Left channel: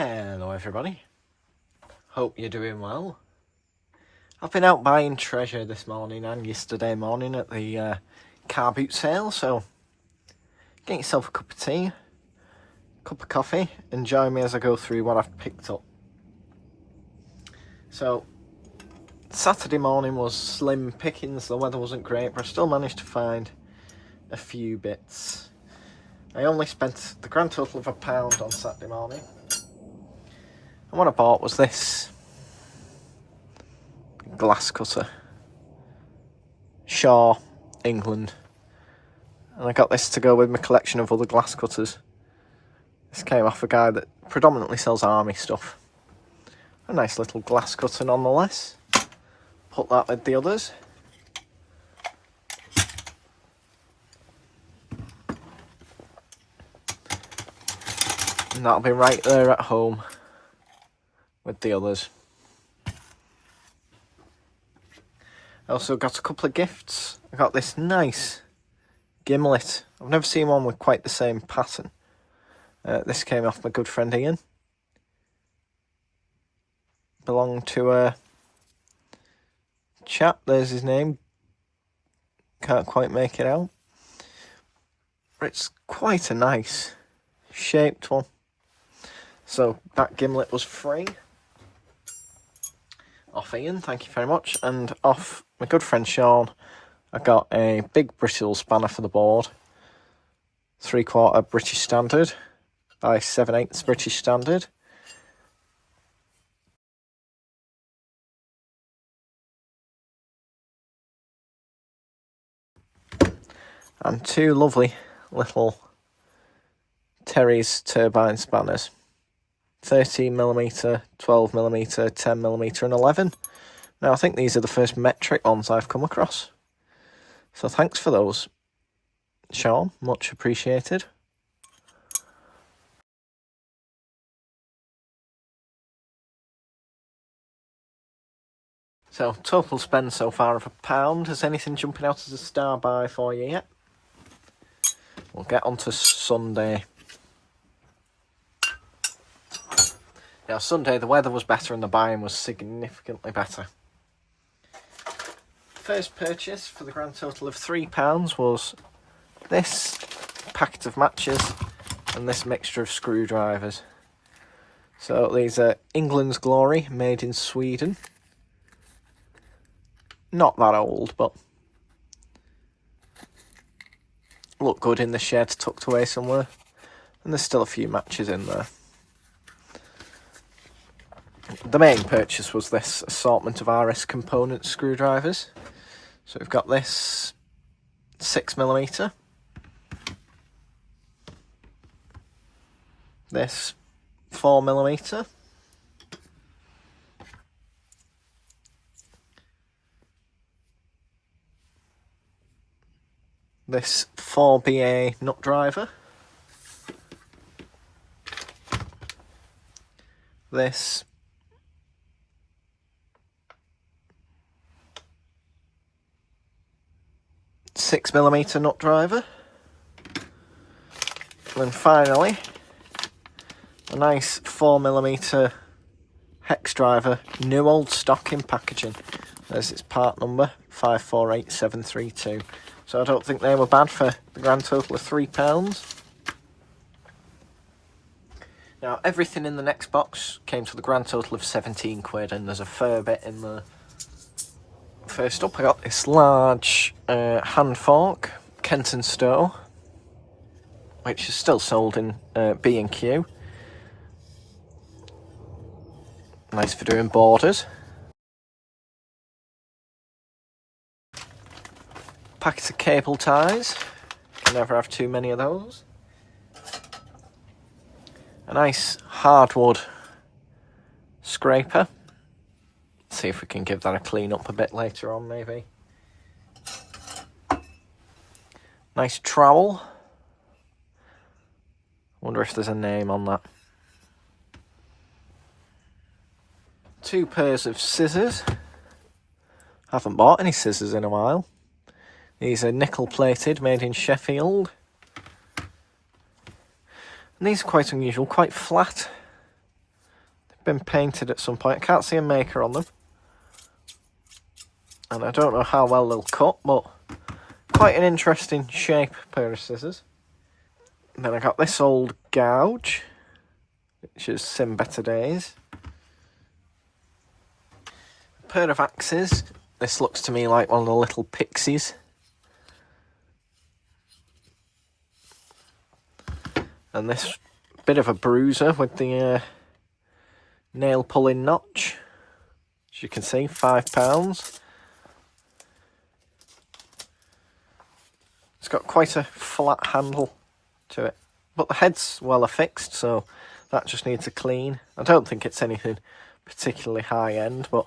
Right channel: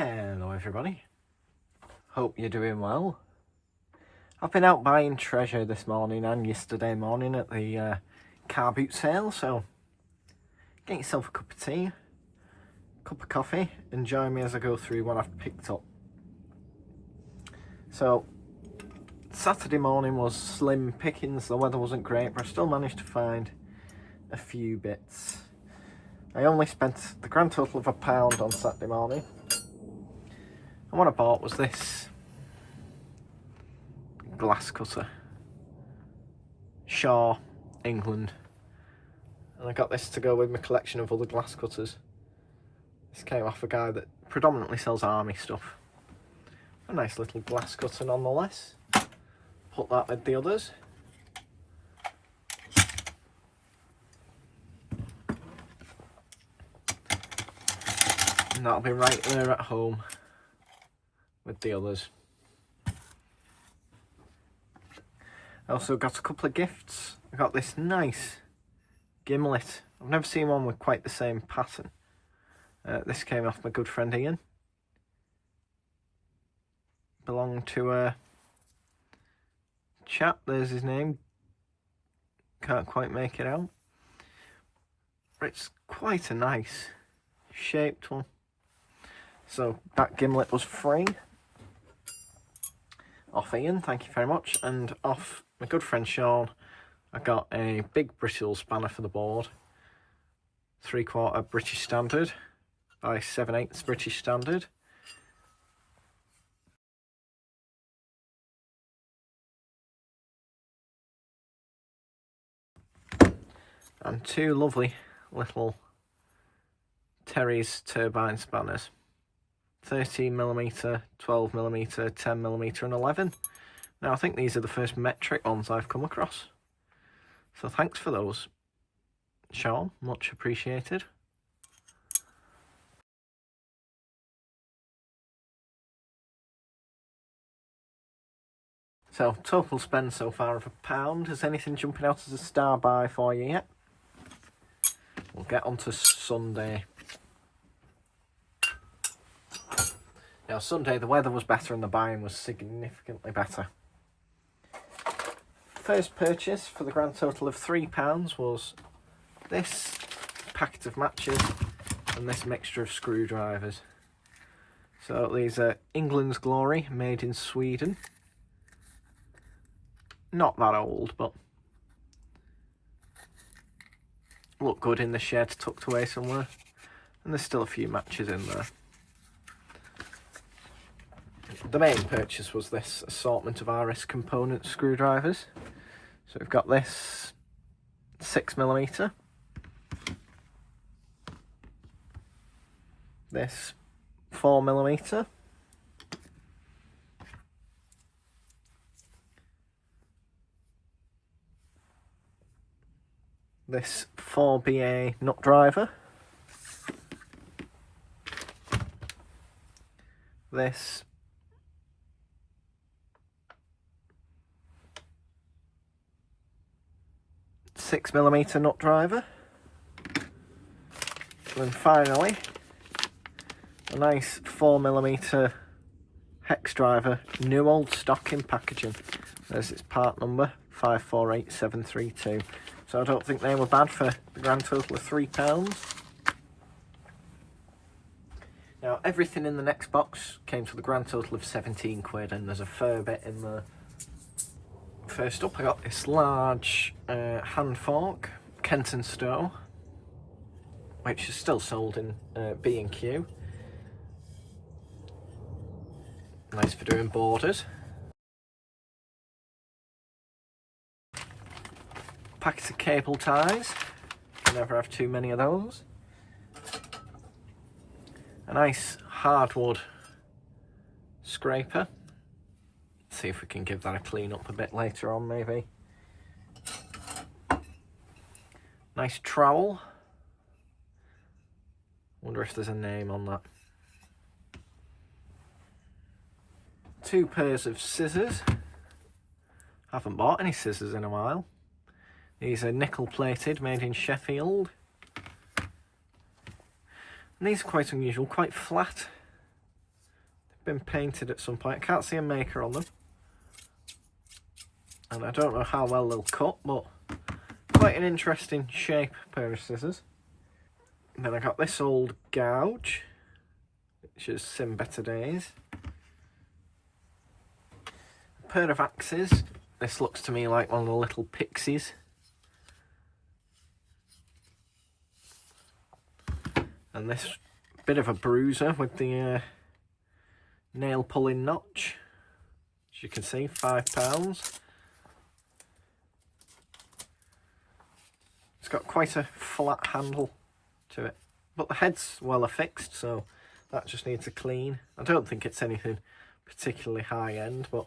Hello everybody, hope you're doing well. I've been out buying treasure this morning and yesterday morning at the Carboot sale, so get yourself a cup of tea, cup of coffee, and join me as I go through what I've picked up. So Saturday morning was slim pickings, the weather wasn't great, but I still managed to find a few bits. I only spent the grand total of £1 on Saturday morning. And what I bought was this glass cutter. Shaw, England. And I got this to go with my collection of other glass cutters. This came off a guy that predominantly sells army stuff. A nice little glass cutter nonetheless. Put that with the others. And that'll be right there at home with the others. I also got a couple of gifts. I got this nice gimlet. I've never seen one with quite the same pattern. This came off my good friend Ian. Belonged to a chap, there's his name. Can't quite make it out. But it's quite a nice shaped one. So that gimlet was free. Off Ian, thank you very much. And off my good friend Sean, I got a big brittle spanner for the board. 3/4 British Standard by 7/8 British Standard. And two lovely little Terry's turbine spanners. 13mm, 12mm, 10mm and 11. Now I think these are the first metric ones I've come across. So thanks for those, Sean, much appreciated. So total spend so far of £1. Has anything jumping out as a star buy for you yet? We'll get on to Sunday. Now, Sunday, the weather was better and the buying was significantly better. First purchase for the grand total of £3 was this packet of matches and this mixture of screwdrivers. So these are England's Glory, made in Sweden. Not that old, but look good in the shed, tucked away somewhere. And there's still a few matches in there. The main purchase was this assortment of RS component screwdrivers. So we've got this 6mm, this 4mm, this 4BA nut driver, this 6mm nut driver, and then finally a nice 4mm hex driver, new old stock in packaging. There's its part number 548732. So I don't think they were bad for the grand total of £3. Now everything in the next box came to the grand total of £17, and there's a fair bit in there. First up, I got this large hand fork, Kent & Stowe, which is still sold in B&Q. Nice for doing borders. Packet of cable ties, can never have too many of those. A nice hardwood scraper. See if we can give that a clean up a bit later on, maybe. Nice trowel. Wonder if there's a name on that. 2 pairs of scissors. Haven't bought any scissors in a while. These are nickel plated, made in Sheffield. And these are quite unusual, quite flat. been painted at some point. I can't see a maker on them. And I don't know how well they'll cut, but quite an interesting shape pair of scissors. And then I got this old gouge, which has seen better days. A pair of axes. This looks to me like one of the little pixies. And this bit of a bruiser with the nail pulling notch. As you can see, £5. It's got quite a flat handle to it, but the head's well affixed, so that just needs a clean. I don't think it's anything particularly high end, but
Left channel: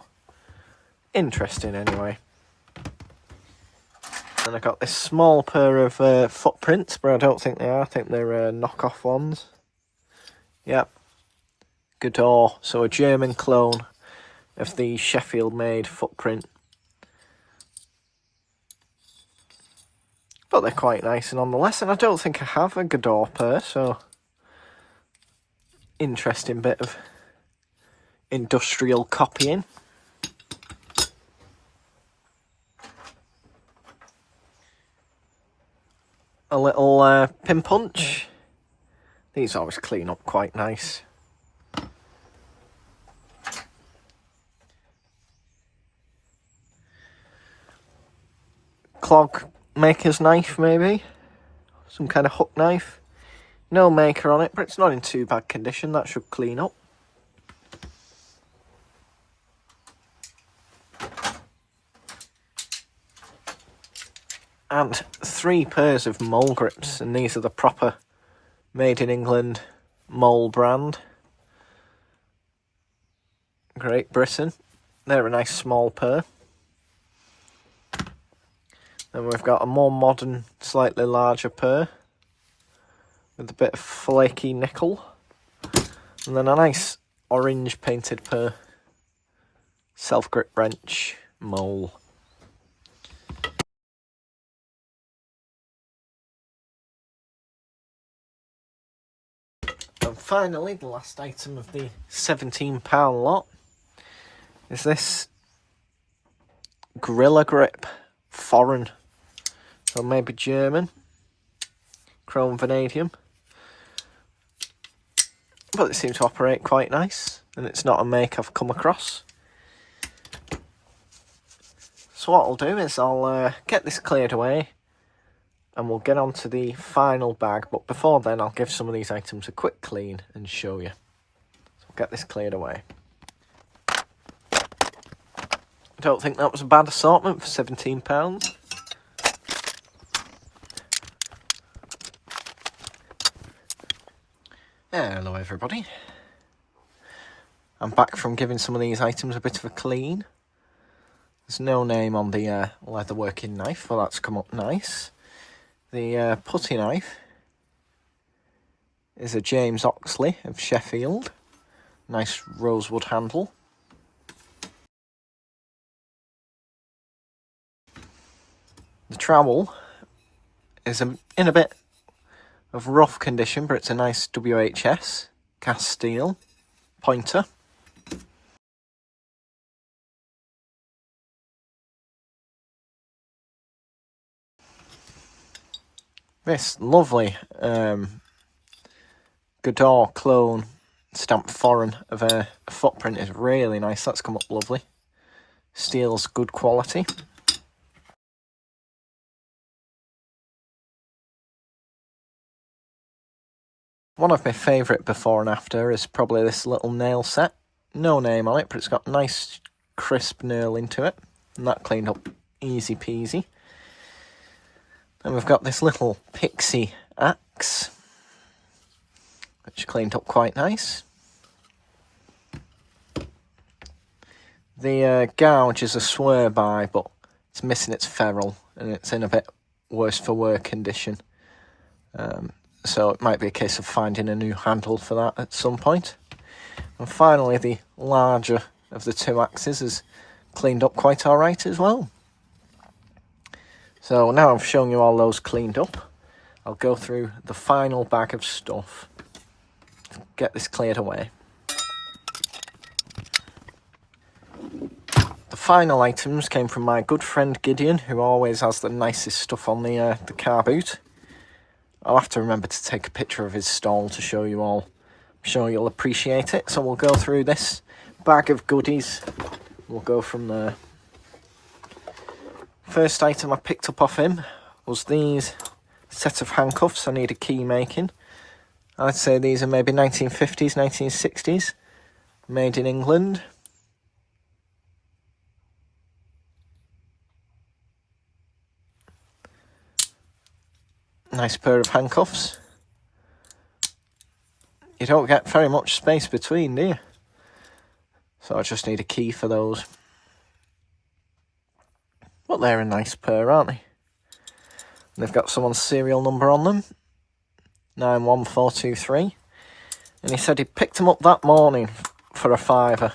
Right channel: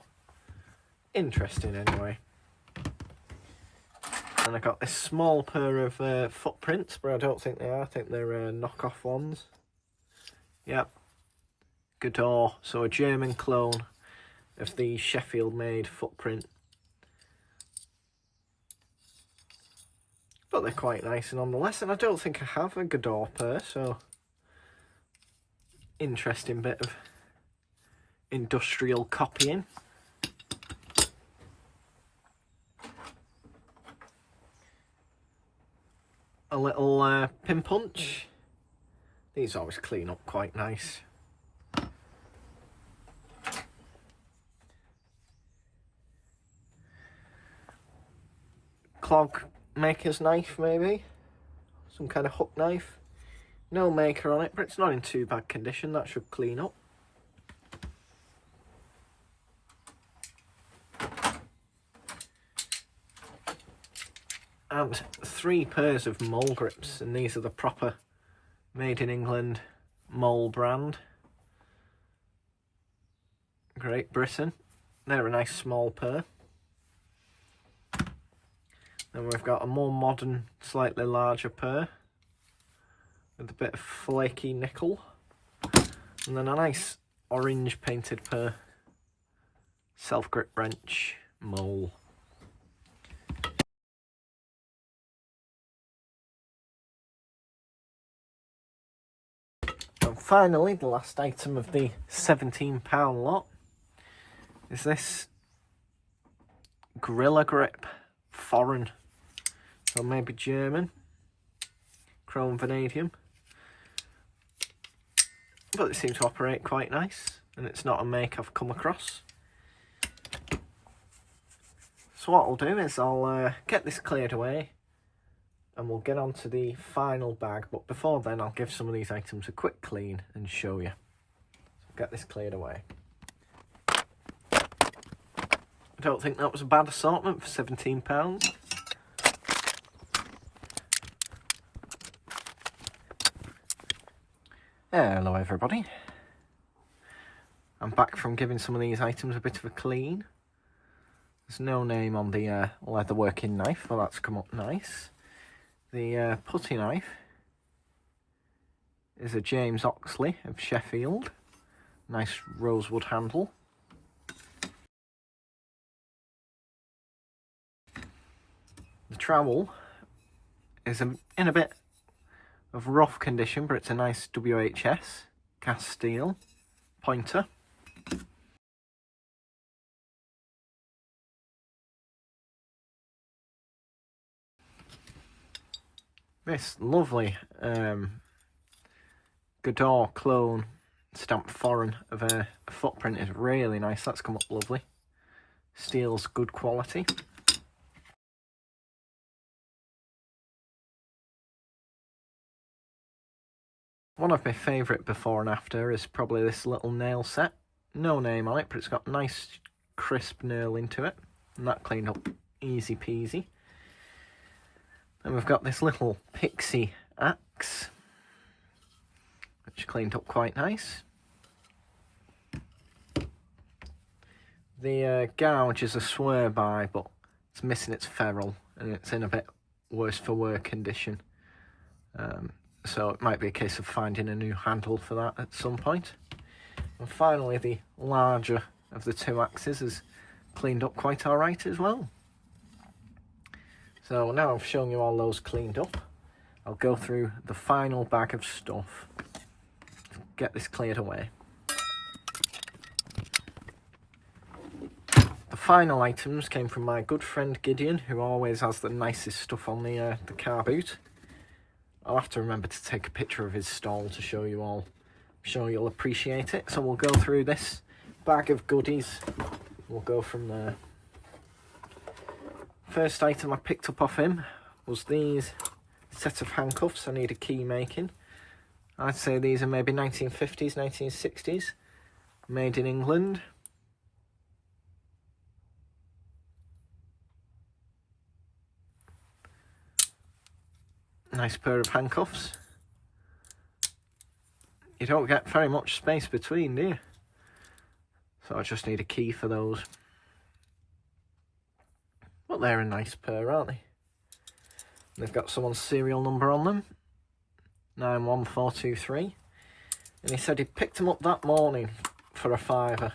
interesting anyway. And I got this small pair of footprints, but I don't think they are. I think they're knockoff ones. Yep. Godot, so a German clone of the Sheffield-made footprint. But they're quite nice nonetheless, and I don't think I have a Godot pair, so interesting bit of industrial copying. A little pin punch. These always clean up quite nice. Clog maker's knife, maybe? Some kind of hook knife. No maker on it, but it's not in too bad condition. That should clean up. And 3 pairs of mole grips, and these are the proper made in England mole brand. Great Britain. They're a nice small pair. Then we've got a more modern, slightly larger pair with a bit of flaky nickel. And then a nice orange painted pair. Self-grip wrench mole. And finally, the last item of the £17 lot is this Gorilla Grip foreign. So maybe German, chrome vanadium, but it seems to operate quite nice, and it's not a make I've come across. So what I'll do is I'll get this cleared away, and we'll get on to the final bag, but before then I'll give some of these items a quick clean and show you. So I'll get this cleared away. I don't think that was a bad assortment for £17. Hello everybody. I'm back from giving some of these items a bit of a clean. There's no name on the leather working knife, well that's come up nice. The putty knife is a James Oxley of Sheffield. Nice rosewood handle. The trowel is in a bit of rough condition, but it's a nice WHS cast steel pointer. This lovely Godot clone stamped foreign of a footprint is really nice. That's come up lovely. Steel's good quality. One of my favourite before and after is probably this little nail set. No name on it, but it's got nice crisp nail into it. And that cleaned up easy peasy. And we've got this little pixie axe, which cleaned up quite nice. The gouge is a swear by, but it's missing its ferrule, and it's in a bit worse for wear condition. So it might be a case of finding a new handle for that at some point. And finally, the larger of the 2 axes is cleaned up quite alright as well. So now I've shown you all those cleaned up, I'll go through the final bag of stuff. Get this cleared away. The final items came from my good friend Gideon, who always has the nicest stuff on the Carboot. I'll have to remember to take a picture of his stall to show you all. I'm sure you'll appreciate it. So we'll go through this bag of goodies. We'll go from there. First item I picked up off him was these set of handcuffs. I need a key making. I'd say these are maybe 1950s, 1960s. Made in England. Nice pair of handcuffs. You don't get very much space between, do you? So I just need a key for those. But they're a nice pair, aren't they? They've got someone's serial number on them. 91423. And he said he picked them up that morning for a £5.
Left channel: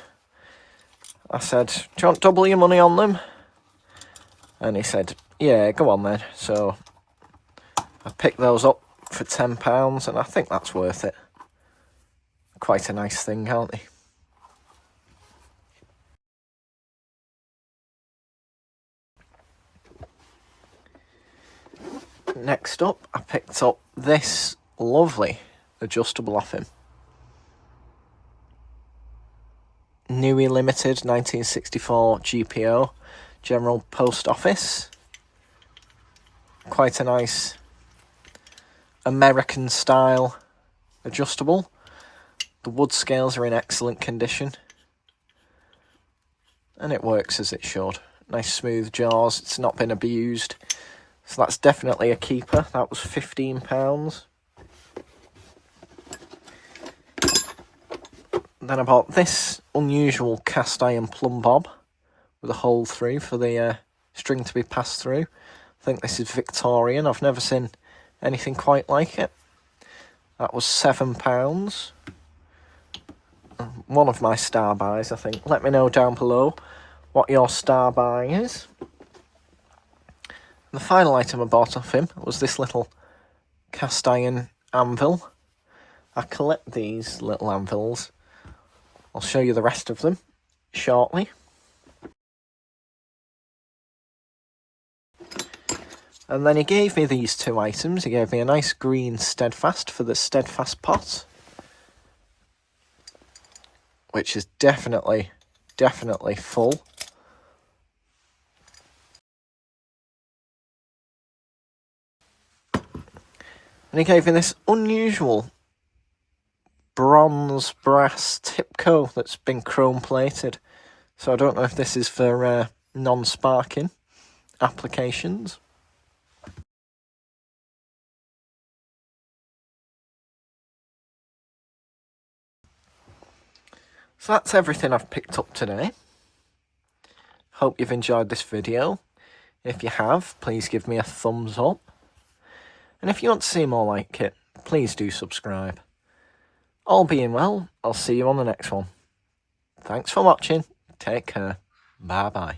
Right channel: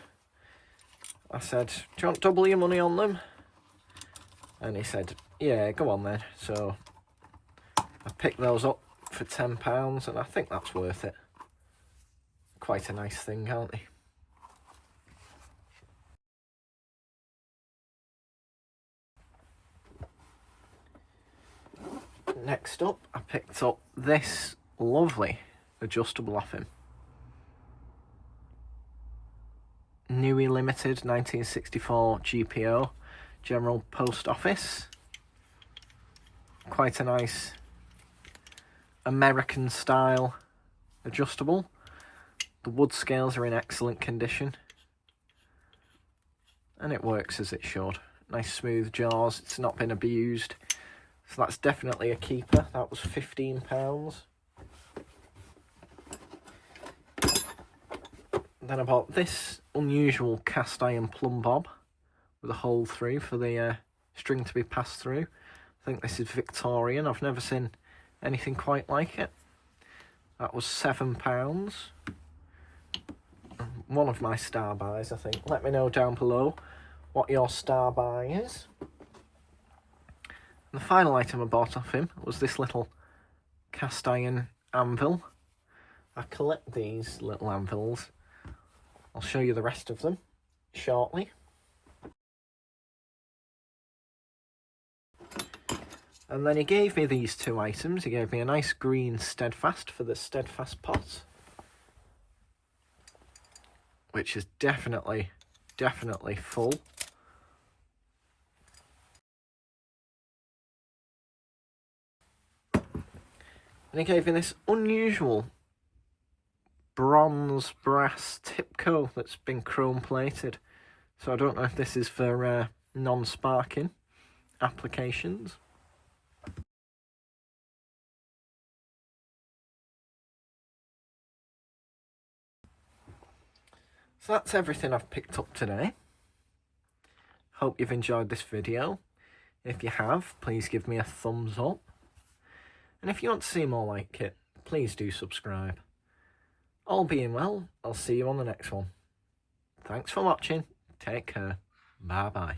I said, do you want double your money on them? And he said, yeah, go on then. So I picked those up for £10 and I think that's worth it. Quite a nice thing, aren't they? Next up, I picked up this lovely adjustable off him. Newey Limited 1964 GPO, General Post Office. Quite a nice American style adjustable. The wood scales are in excellent condition. And it works as it should. Nice smooth jaws, it's not been abused. So that's definitely a keeper. That was £15. Then I bought this unusual cast iron plumb bob with a hole through for the string to be passed through. I think this is Victorian. I've never seen anything quite like it. That was £7. One of my star buys, I think. Let me know down below what your star buy is. The final item I bought off him was this little cast iron anvil. I collect these little anvils. I'll show you the rest of them shortly. And then he gave me these two items. He gave me a nice green Steadfast for the Steadfast pot, which is definitely full. And he gave me this unusual bronze brass Tipco that's been chrome plated. So I don't know if this is for non-sparking applications. So that's everything I've picked up today. Hope you've enjoyed this video. If you have, please give me a thumbs up. And if you want to see more like it, please do subscribe. All being well, I'll see you on the next one. Thanks for watching. Take care. Bye bye.